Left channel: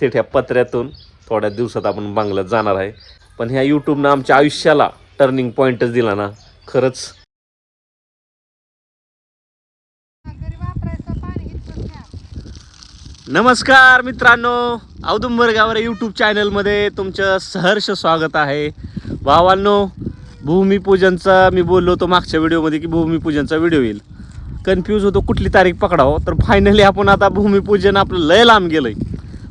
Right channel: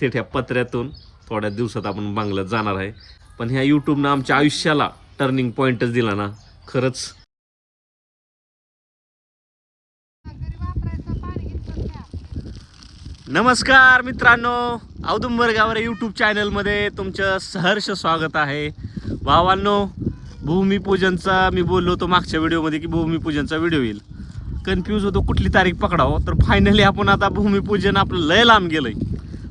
थेट ह्या पत्र्यातून थोड्या दिवसात आपण बांगल्यात जाणार आहे. पण ह्या यूट्यूबनं आमच्या आयुष्याला टर्निंग पॉईंटच दिला ना खरंच. नमस्कार मित्रांनो औदुंबर गावरे यूट्यूब चॅनलमध्ये तुमचं सहर्ष स्वागत आहे. भावांनो भूमिपूजनचा मी बोललो होतो मागच्या व्हिडिओमध्ये की भूमिपूजनचा व्हिडिओ येईल. कन्फ्यूज होतो कुठली तारीख पकडावं तर फायनली आपण आता भूमिपूजन आपलं लय लांब गेलं आहे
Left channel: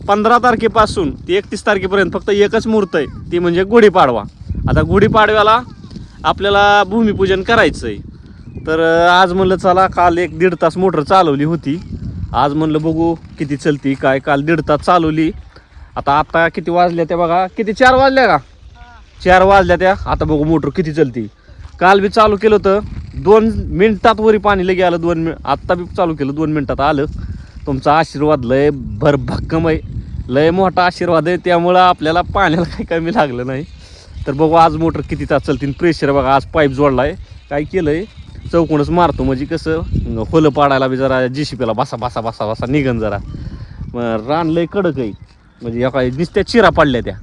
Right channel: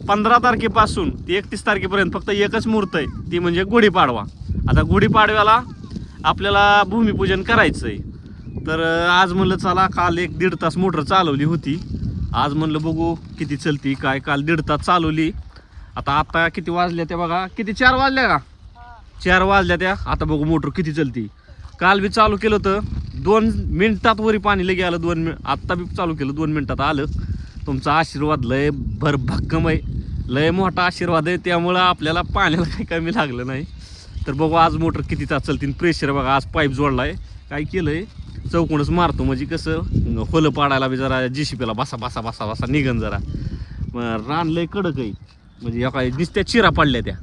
पंधरा तारखेपासून ते एकतीस तारखेपर्यंत फक्त एकच मुहूर्त आहे. ती म्हणजे गुढीपाडवा. आता गुढीपाडव्याला आपल्याला भूमिपूजन करायचं आहे तर आज म्हणलं चला काल एक दीड तास मोटर चालवली होती. आज म्हणलं बघू किती चलती काय काल दीड तास चालवली. आता आता किती वाजल्या त्या बघा. किती चार वाजल्या का? चार वाजल्या त्या. आता बघू मोटर किती चलती. काल बी चालू केलं होतं. दोन मिनिटात वरी पाणी लगे आलं दोन मिनिट आत्ता बी चालू केलं दोन मिनिटात आलं. तुमचा आशीर्वाद लय भरभक्कम आहे. लय मोठा आशीर्वाद आहे त्यामुळं आपल्याला पाण्याला काही कमी लागलं नाही. तर बघू आज मोटर किती तास चालतील प्रेशर बघा आज पाईप जोडला आहे काय केलं आहे चौकोनच मारतो म्हणजे कसं होलं पाडायला बी जरा जीसीपीला बसा बसा बसा बसा निघन जरा. मग रान लय कडक आहे. म्हणजे एका नुसत्या चिरा पडल्या त्या.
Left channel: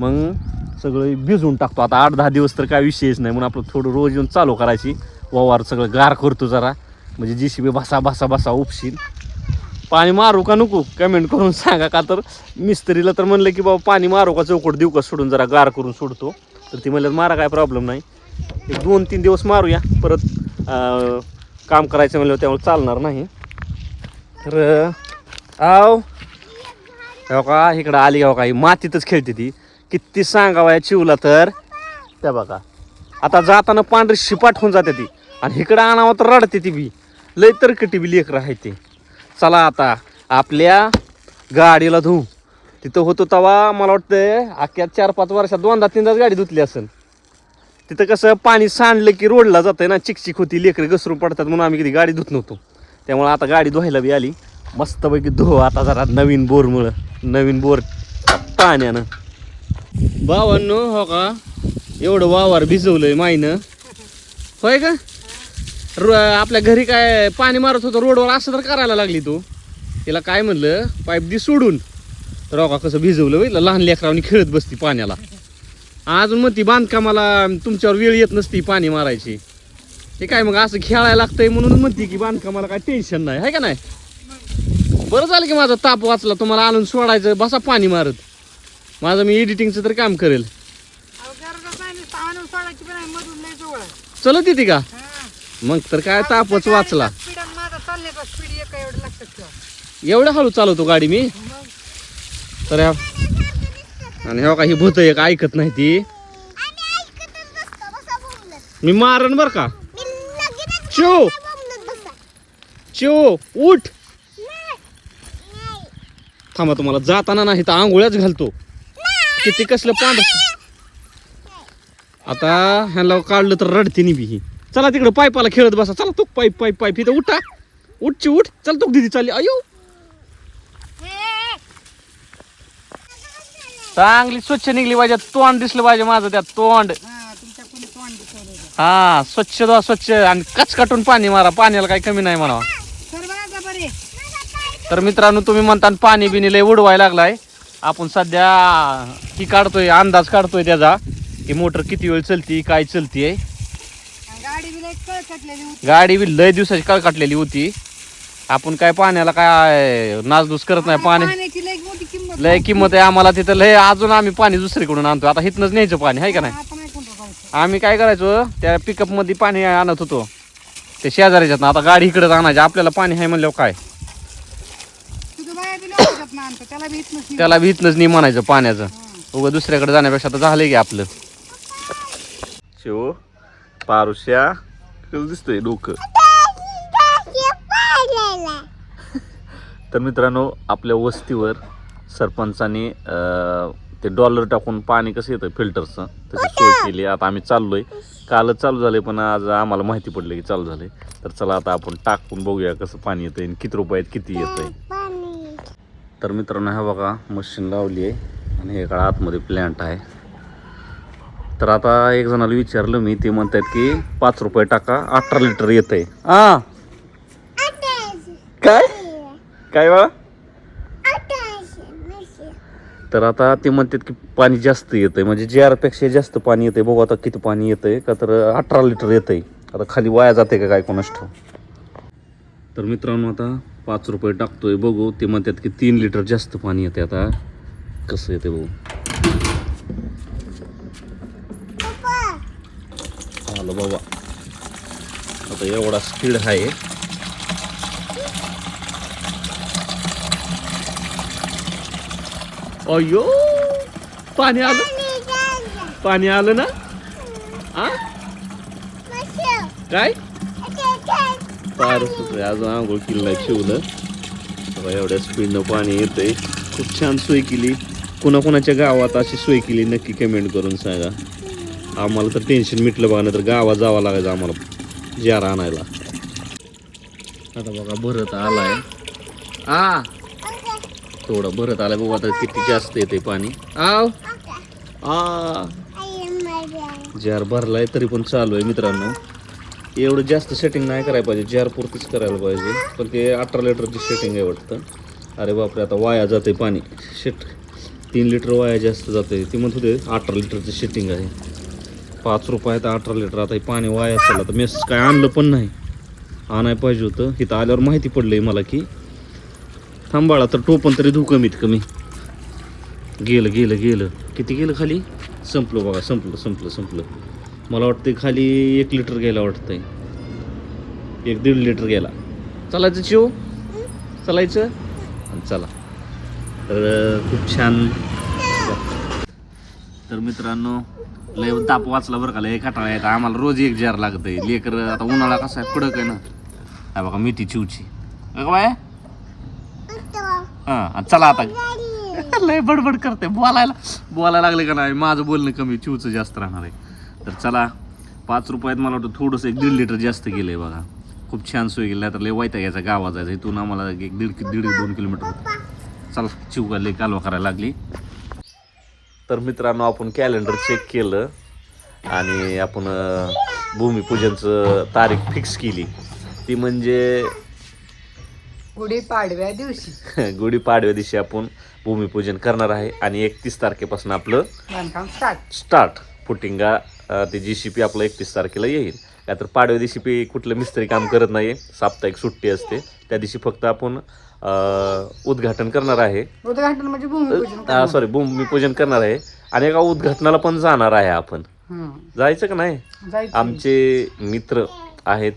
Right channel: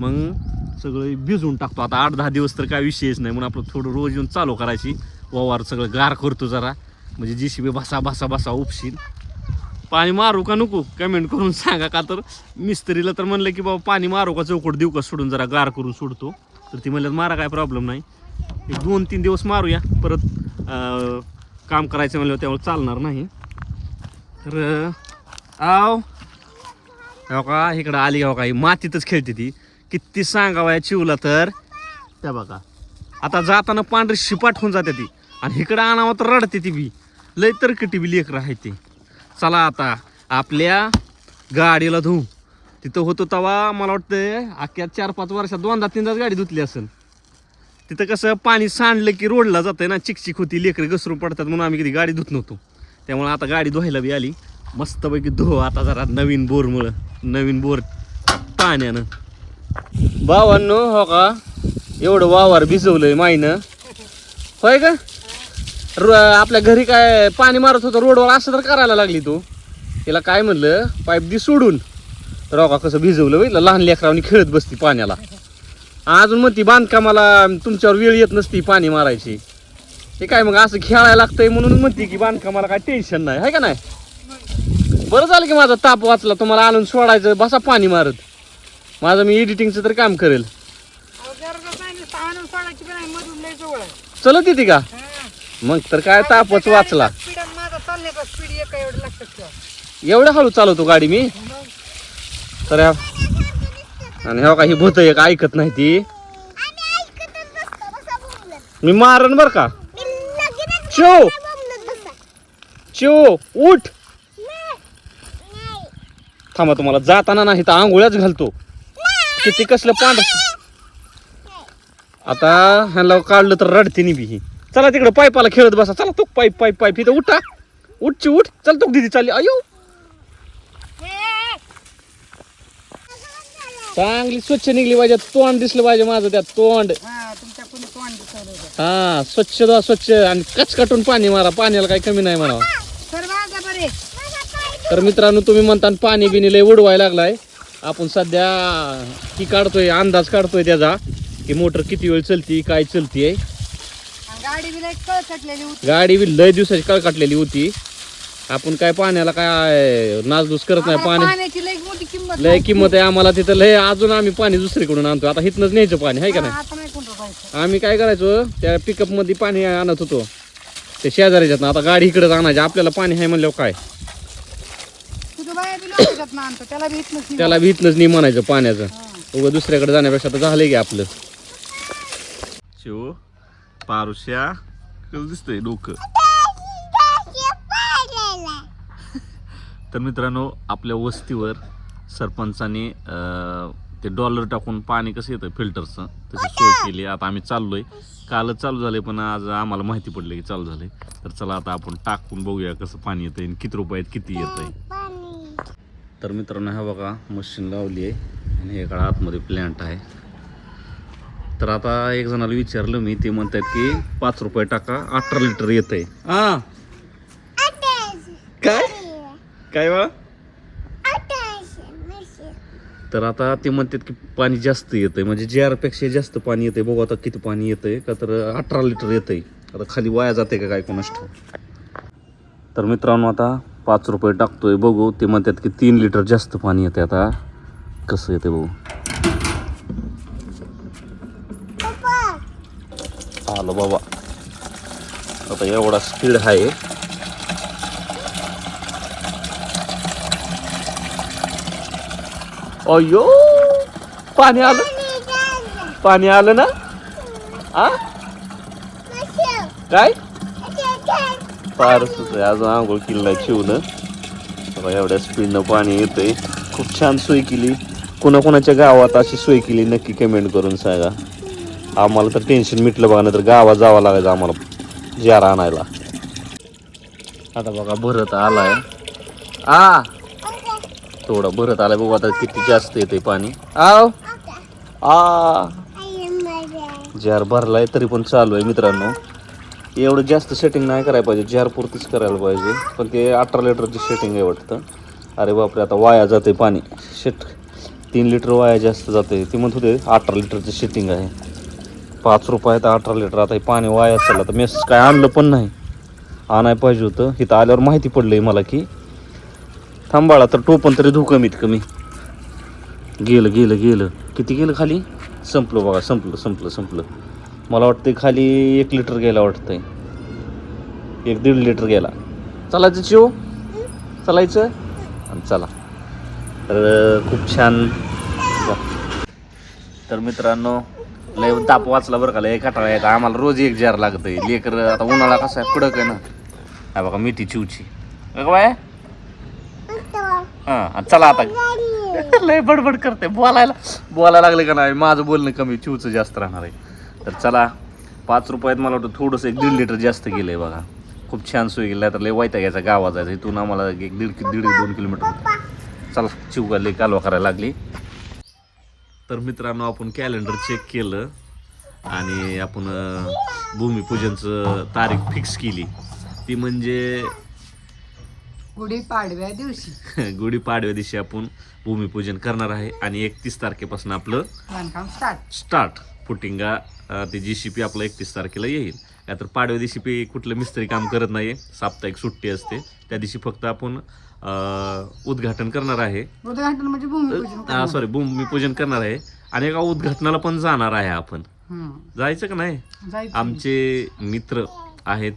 मग सगळं भिजवून टाकतो. आता आठ दहा दिवस तर काय विषयच नाही. म्हणून आपलं थोडं रोज येऊन चालू करायची. वावर सगळं गार करतो जरा. म्हणजे जी सी बी बसा बसा बसा उपशील. पाणी मारू का नको? कमेंट करून सांगा. का तर मिस्त्रीला तर म्हणलं की बाबा पाणी मारू का? चौकट देऊ का? सोडून जरा गार करून सोडतो. तर ती म्हणलं मारा काय प्रॉब्लेम नाही. एक दोन तीन दिवस मारूया. परत काम करायचं म्हणलं त्यामुळे चालणार नाही. तर आव. हो का इकडं आली का ही मातीतच खेळते ती. किती सांगावं या चिवला तर. त्या बघा. आता जाताना पांढरी शिपाट होऊन जाते ती. आणि इकडं आणावं तर रडते ती बी. लय तरकटी बी लेकर आहे ते. चला आता आपल्या गाडीला धुवू तिथं होतो तवा मला वाटतं अख्ख्या चार पाच वर्षात दोनदा तीनदाच गाडी धुतली असेल. तिथं कसं पाणी सांडलं की रोडला जातं ना चिकचिक होती लेकरे घसरून पडतात म्हणून आम्ही कधी गाडी धुत नव्हतो. त्यामुळं आता गाडी धुवायला बी आली. मस्तपैकी धुव आता जरा नवीन बोरमुळं नवीन बोर पाण्यानं. भावांनो हो का? एवढं वावर भिजवलंय माईनं. होय का? रो आपल्या घरी काय पाणी मारत होतं रोडवर असं तर करायला लागली तू. तिला काय म्हणलं पाईप दी सोडून. का कसं भिजवलं बघितलं लहान लेकरावनी खेळत बसती पाण्याला. अजून म्हणती बांधकामाला तुमच्यावर वेळ येत नसती पाणी मारायची. ते काय मग असं खेळायला लागतंय म्हणून म्हणते की बांधकामाला काय टेन्शन नाही आहे का नाही? बरं झालं की माझा ताप वाचला तुम्हाला आणून सोडायचं बसा पाणी मारत. माझं मी एडिटिंगचं तर काम करेल. चलत येते का? मग तर काय तापच वाचला. स्पीड आणि माझा चालण्याचा स्पीड एक एवढं लक्षात ठेवा एवढं हळू चालवतो गाडी मी. मग तर ह्या- आणि हो का ही भूत एक ऐकत नाही ती. मी मारण बर का? चिव चिव उठ. थांबा तुम्हाला जाताना नाही तर आंघोळ्याच घालतो. किती कसलं पांढर आता ह्याला काढलं तर रडते नि बी ही. चला तिकडे पाईपाला खेळत बसा. चला तो पाईप पाईप पाईप इथं उठा. उठची उठ. चल तो दिदी चालली. अयो. चांगली स्वच्छ निघली पाहिजे. तोंड दिसलं पाहिजे माझं त्यात तोंड. हा हा स्वच्छ धुवा स्वच्छ. आणि कचकटून पाणी मारा. पाण्याला काही कमी नाही म्हणावं. तर मित्रांनो तुम्ही म्हणता पाणी बिनी लय उडवायला लागलाय. आपण सध्या ही काढतोय अंदाज काढतोय त्याचा की मोटर किती वेळ चलती काय चलतीये. गाडी बी लय कळकटलेली होती. गाडी बी लय दिवसाची काळ काटलेली होती. आपण काय पाण्याला काय नासधूस करत नाही पाणी पाण्याची लय मोठी किंमत लय किंमत आहे आम्हाला तिथं लय अजून आम्ही पाणी दुसरीकडून आणतो आता इथनंच न्यायचं पाणी आहे का नाही? आता नाही कोणतं जायचं. आम्ही काय करायचो त्या पिकअपमध्ये पाणी आणत होतो. ते शेजारीच्यात आता गाडी इकडेच आणायची आपल्याला पाणी आहे म्हणल्यावर काय? तुझं बाया बी लोकांच्यात ना आणतो त्याला बी इथनंच नाही म्हणायचं पाण्याचं. उगं दुसऱ्याकडे जाण्यापेक्षा तर झालंय की आपलं. शिव पारुश्या कसं दिसतंय डोकं तर मित्रांनो आपल्या वस्तीवर सरपंचाने ते डॉलर टाकून पाणी कसं येतं फिल्टरचं तशी सोय केली. आता आम्ही चाललोय. कालच चालू झाले पण आज आम्हाला माहिती पडलं की चालू झाले तर चला आता आपण टाकून बघूया कसं पाणी येतंय आणि किती रुपयात किती येतंय. तर मित्रांनो हा बघा मशीन लावली आहे आणि एका आतमध्ये प्लॅन्ट आहे. तर आता एक जणाला विचारलं मी ते म्हणतात की पाच रुपये टाका अठरा लिटर येत आहे हा. काय? काय बा? तर आता ते म्हणतात की पाणी जास्त येतंय म्हणजे जारपेक्षा जास्त पाणी येतंय. बघू आता किती पाणी येतंय का तर अठरा लिटर येतंय. आता खाली वाया जाते का काय कोणास ठाऊक? तर मित्रांनो आता पाच रुपये टाकतोय. बघू ते म्हणतात की तीन लिटर जास्त पाणी येते आता. कसं येते बघू. आलो बाबा. आता एवढा स्पीड आहे अयो पाणी आलं. पाणी आलं ना? आ? काय? फारच अजून आंघोळ किल्ला शिवलं. एवढ्या स्पीडनं पाणी येतंय. खूप छान सोय केली. कुणाकुणाच्या गावात अशी सोय केली नक्की कमेंट करून सांगा. आम्हाला तर टेन्शन मिटलं बघा नाही तर गावात जावं लागायचं आम्हाला. जार आणायला. आता बघा भरत आलाय. आ! थोडा भरत आलाय बघू आता किती जास्त येते पाणी. आव! आ! जार भरलाय तरी पण चालू आहे मित्रांनो. एवढं जास्त सेटिंग नाही करायला पाहिजे जार पुरतीच करायला पाहिजे. पण ते अठरा लिटरची सेटिंग आहे वाटतं. अरे बापरे आता वाया जाते पाणी. शेट तीन लिटर वाया जास्त जाते ते म्हणत होते अठरा लिटरचं सेटिंग आहे. पाच रुपयात अठरा लिटर. आता हे पाणी वाया असेल तर मेस काय आणलं पण नाही. आणायला पाहिजे होतं. इथं आल्यावर माहिती पडलंय मला की थांबाळा तर टोपण तरी धू कमीत कमी. गेलं गेलं गेलं. किती गेलं खाली? संपलं बघा संपलं संपलं संपलं. मला वाटतं खाली एक लिटर गेला वाटतंय. एक दीड लिटर गेला. चालायचं चिव चालायचं? आणि चला. तर खूप छान. तर मित्रांनो लय ताप वाचला बरं का लय कटाळा येतं. आम्हाला रोज एक जार लागतंय. लेकर आता उन्हाळा कसा आहे कडक आहे ना. हा बघा मेथी चिवची. बाय. हां चला आता. लय बडबड करते बोलायला बोलायला लागले का नाही? माझं बोलणं कमी चिवचं जास्त राहणार आहे. तर चला पाच रुपयात मला वाटतं थोडंसं एक दीड लिटर जास्त गेलं आहे बघा. खूप छान सोय गेला तर लय वायता घ्यायचा गावा जायचं. इथून आम्हाला एक दीड दीड दोन किलोमीटर होतं. चला चिवका लय कालवा करायला लागली. तर मित्रांनो आपण कॅलेंडर चेक केलं आणि आपण भूमिपूजनचं तारीख फिक्स केली. ती म्हणजे गुढी पाडव्या दिवशी. गुढीपाडव्या दिवशी आपण भूमिपूजन करणार आहे आणि एकतीस तारखेपासून आपलं बांधकाम स्टार्ट स्टार्ट फुटिंगा ते जी सी पी आपलं एकतीस तारखेला येईल. का तर पाडव्या दिवशी पी कुठलं मिस्त्री काम करत नाही साप्ताहिक सुट्टी असते. त्या दिवशी फक्त आपण उद्घाटन करणार आहे. उद्घाटन म्हणजे भूमिपूजन. सॉरी भूमिपूजन करणार आहे. आणि एका उद्घाटनाला पण जाणार आहे आपण. हम्म. जायचं का नाही? जायचं. आमचे मित्र आहेत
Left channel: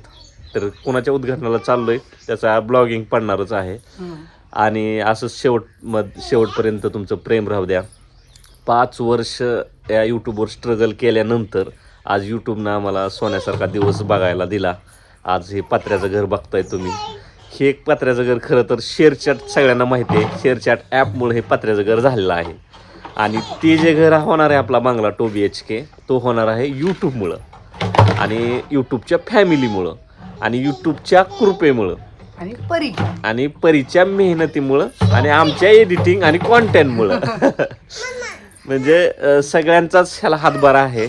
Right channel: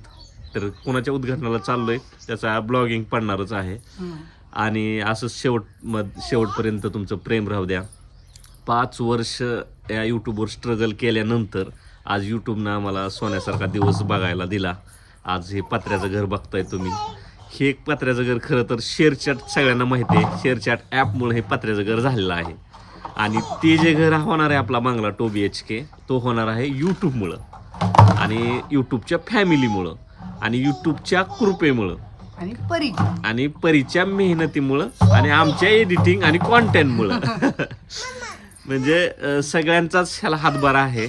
तर कोणाच्या उद्घाटनाला चाललोय त्याचा ब्लॉगिंग पडणारच आहे. हम्म. आणि असं शेवट मध शेवटपर्यंत तुमचं प्रेम राहू द्या. पाच वर्ष या यूट्यूबवर स्ट्रगल केल्यानंतर आज यूट्यूबनं आम्हाला सोन्यासारखा दिवस बघायला दिला. आज हे पत्र्याचं घर बघताय तुम्ही. हे एक पत्र्याचं घर खरं तर शेअरचॅट सगळ्यांना माहिती आहे. शेअरचॅट ॲपमुळे हे पत्र्याचं घर झालेलं आहे. आणि ते जे घर होणार आहे आपला बांगला टू बी एच के तो होणार आहे यूट्यूबमुळं आणि यूट्यूबच्या फॅमिलीमुळं आणि यूट्यूबच्या कृपेमुळं. आणि परी आणि परीच्या मेहनतीमुळं. आणि आमच्या एडिटिंग आणि कॉन्टेंटमुळं म्हणजे सगळ्यांचाच ह्याला हातभार आहे.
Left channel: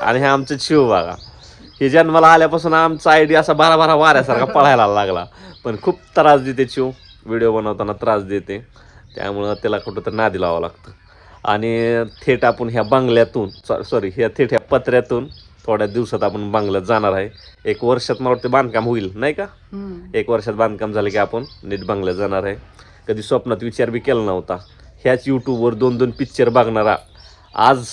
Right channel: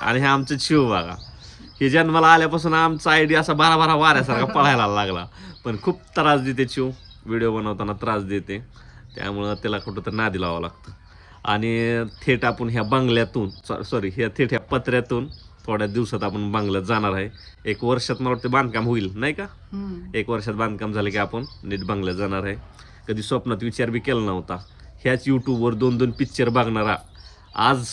आणि हे आमचं शिव बघा हे जन्माला आल्यापासून आमचा आयडी असा बारा बारा वाऱ्यासारखा पळायला लागला. पण खूप त्रास देते शिव व्हिडिओ बनवताना त्रास देते. त्यामुळं त्याला कुठं तर नादी लावावं लागतं. आणि थेट आपण ह्या बंगल्यातून सॉरी ह्या थेट ह्या पत्र्यातून थोड्या दिवसात आपण बंगल्यात जाणार आहे. एक वर्षात मला वाटतं बांधकाम होईल नाही का. एक वर्षात बांधकाम झालं की आपण नीट बंगल्यात जाणार आहे. कधी स्वप्नात विचार बी केला नव्हता. ह्याच यूट्यूबवर दोन दोन पिक्चर बघणारा आज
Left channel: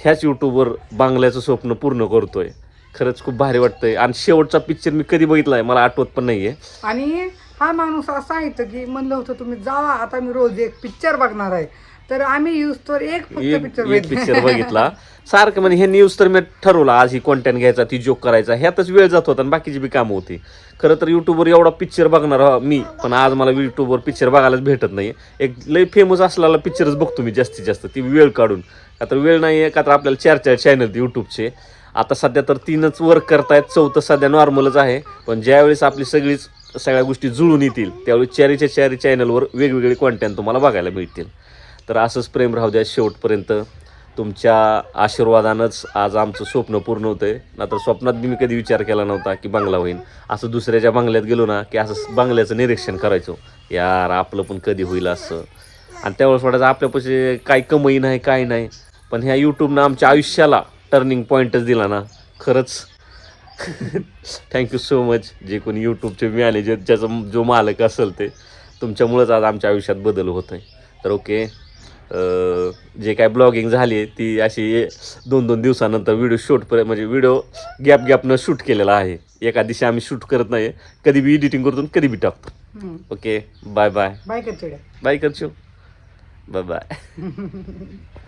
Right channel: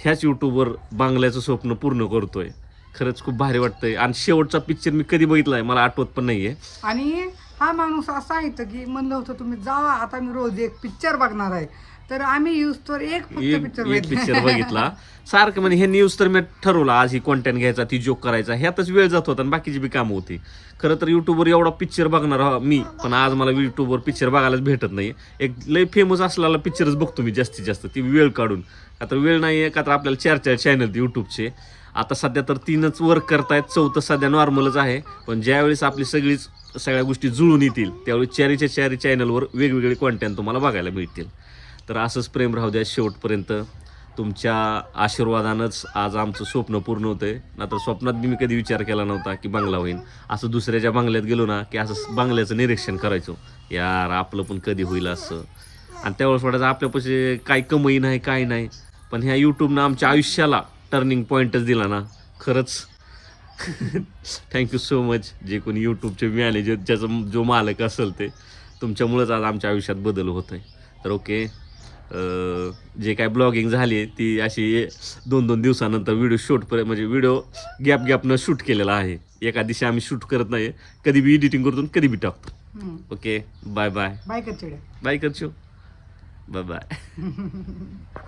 ह्याच यूट्यूबवर बांगल्याचं स्वप्न पूर्ण करतोय. खरंच खूप भारी वाटतंय. आणि शेवटचा पिक्चर मी कधी बघितला आहे मला आठवत पण नाहीये. आणि हा माणूस असा आहे की म्हणलं होतं तुम्ही जावा आता मी रोज एक पिक्चर बघणार आहे. तर आम्ही यूज तर एक पिक्चर पिक्चर बघितला. सारखं म्हणजे हे न्यूज तर मी ठरवलं आज ही कॉन्टेंट घ्यायचा ती जोक करायचा. ह्यातच वेळ जात होता आणि बाकीची बी कामं होती. खरं तर युट्यूबवर एवढा पिक्चर बघणार मी पण आज मला युट्यूबवर पिक्चर बघायलाच भेटत नाही एक लय फेमस असलेला पिक्चरच बघतो मी जास्तीत जास्त ती वेळ काढून. तर वेळ नाही आहे का तर आपल्याला चार चार चॅनल यूट्यूबचे आता सध्या तर तीनच वर्क करतायत चौथं सध्या नॉर्मलच आहे. पण ज्यावेळेस आपली सगळीच सगळ्या गोष्टी जुळून येतील त्यावेळी चॅरीच्या चॅरी चॅनलवर वेगवेगळे कॉन्टेंट तुम्हाला बघायला मिळतील. तर असंच प्रेम राहू द्या शेवटपर्यंत. तुमच्या आशीर्वादानंच आज आमचं स्वप्न पूर्ण होतं आहे नाहीतर स्वप्नात मी कधी विचार केला नव्हता की बंगला होईल असं दुसऱ्याच्या बंगल्यात गेलो ना की असं बंगल्याचं निरीक्षण करायचो. यार आपलं पण कधी होईल असं. आणि त्यावेळेस वाटायचं आपल्यापाशी काही कमाई नाही काय नाही. पण ह्या यूट्यूबनं आमच्या आयुष्याला टर्निंग पॉईंटच दिला ना. खरंच. थँक्यू सो मच जे कोणी यूट्यूबचे मिळाले जे ज्याचा जो मालक असेल ते तुमच्यामुळंच आज आमच्या आयुष्यात बदल होत आहे. तर ओके जे काय ब्लॉगिंग झाली आहे ती अशी दोन दोन दिवसानंतर व्हिडिओ शूट म्हणजे व्हिडिओ गॅप गॅपनं शूट केलेला आहे. एका दिवशी आम्ही शूट करत नाही कधी बी एडिटिंग करतो कधी बी टाकतो. ओके बाय बाय बाय कर चिड्या बाय करचो. Bye bye